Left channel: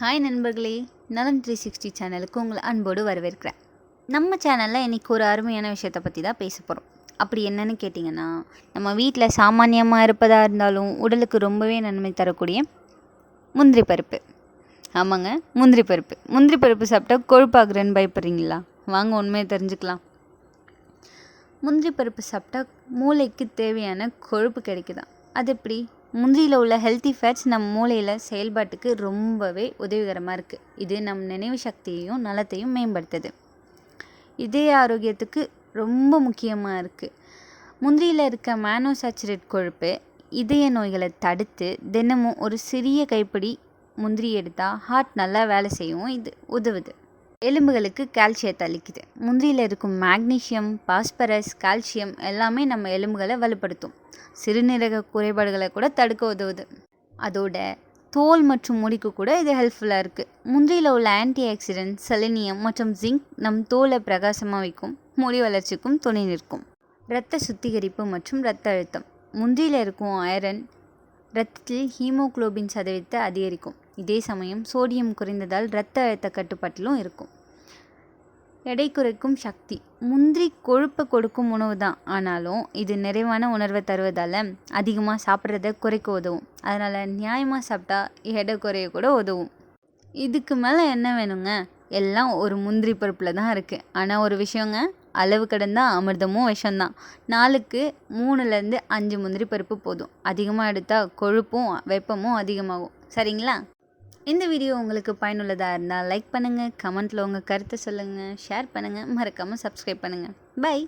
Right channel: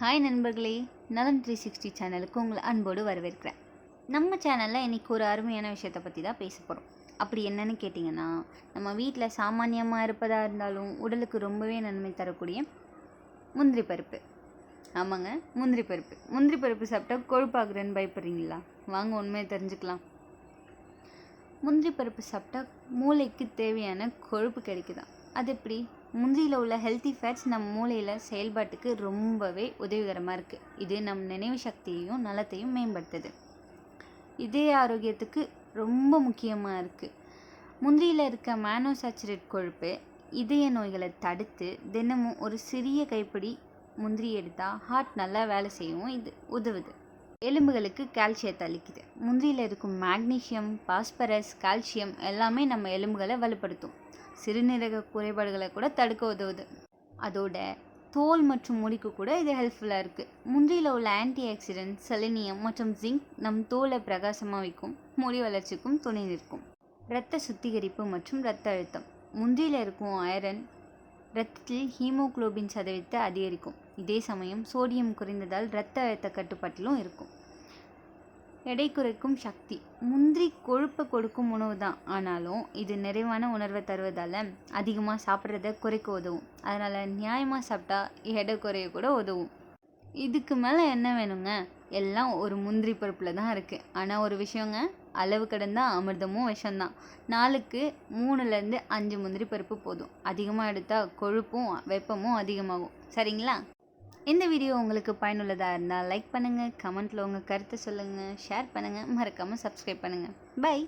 Hi நண்பர்களே, நலம் 360 சேனலுக்கு உங்களை அன்போடு வரவேற்கிறேன். நம்ம சேனலில் இன்றைக்கி ஒரு அருமையான விஷயத்தை பற்றி தான் பேச போகிறோம். அப்படி என்னென்னு கேட்டிங்கன்னா, நம்ம வீட்டில் சாமானியமாக இருப்பதாக இருந்தாலும் உடலுக்கு ரொம்பவே நன்மை தரக்கூடிய முந்திரி பருப்பு. ஆமாங்க, முந்திரி பருப்பு. முந்திரி பருப்பு சாப்பிட்டா கொழுப்பாகிறேன்னு பயப்படுறீங்களா? வாங்க உண்மையை தெரிஞ்சுக்கலாம். முந்திரி பருப்பு சாப்பிட்டா மூளைக்கு தேவையான கொழுப்பு கிடைக்குதான். அது எப்படி? முந்திரியில் உள்ள ஹெல்த்தி ஃபேட்ஸ் நம்ம மூளையில் செயல்பாட்டுக்கு ரொம்பவே உதவிகரமாக இருக்குது. இது நம் நினைவு சக்தியையும் நலத்தையும் மேம்படுத்துது. இதய ஆரோக்கியத்துக்கு ரொம்ப முக்கியமாக இருக்குது. முந்திரியில் இருக்க மேனோசாச்சுரேட் கொழுப்பு இதய நோய்களை தடுத்து தினமும் ஒரு சிறிய கைப்பிடி முந்திரி எடுத்தால் ஹார்ட் நல்லா வேலை செய்யவும் இது உதவுது. எலும்புகளுக்கு கால்சியத்தை அளிக்குது. முந்திரியில் இருக்கும் மேக்னீஷியம், பாஸ்பரஸ், கால்சியம் எல்லாமே நம்ம எலும்புகளை வலுப்படுத்தும். சிறுநீரக குறைபாடுகளை கூட தடுக்க உதவுது. அதோட தோல் மற்றும் முடிக்கு கூட இது ஹெல்ப்ஃபுல்லாக இருக்குது. முந்திரியில் உள்ள ஆன்டி ஆக்சிடென்ட், செலினியம் மற்றும் ஜிங்க் நம் தோலை பிரகாசமாக வைக்கும், முடி வளர்ச்சிக்கும் துணை நிற்கும். இரத்த சுத்திகரிப்பு மற்றும் இரத்த அழுத்தம். முந்திரியில் இருக்கும் அயரன் இரத்தத்தில் ஹீமோகுளோபின் சதவீதத்தை அதிகரிக்கும். இதே சமயம் சோடியம் குறைந்ததால் இரத்த அழுத்த கட்டுப்பாட்டிலும் இருக்கும். எடை குறைக்கும் சக்தி. முந்திரி கொழுப்பை கொடுக்கும் உணவு தான், ஆனாலும் இது நிறைவான உணர்வை தருவதால் அதிகமாக சாப்பிட்றத குறைக்க உதவும். அதனால் நியாயமாக சாப்பிட்டா எடை குறைய கூட உதவும். இதுக்கு மேலே என்ன வேணுங்க? எல்லாம் ஒரு முந்திரி பருப்பில் தான் இருக்குது. ஆனால் ஒரு விஷயங்க, அளவு கடந்தால் அமிர்தமும் விஷம்தான். நாளுக்கு 3லேருந்து 5 முந்திரி பருப்பு போதும். அதிகமாக எடுத்தால் கொழுப்பும் வெப்பமும் அதிகமாகும். சரிங்களா? இந்த வீடியோ உங்களுக்கு பயனுள்ளதாக இருந்தால் லைக் பண்ணுங்கள், கமெண்ட்டில் உங்கள் கருத்தை சொல்லுங்கள், ஷேர் பண்ணுங்கள், மறக்காமல் சப்ஸ்கிரைப் பண்ணுங்கள். பை.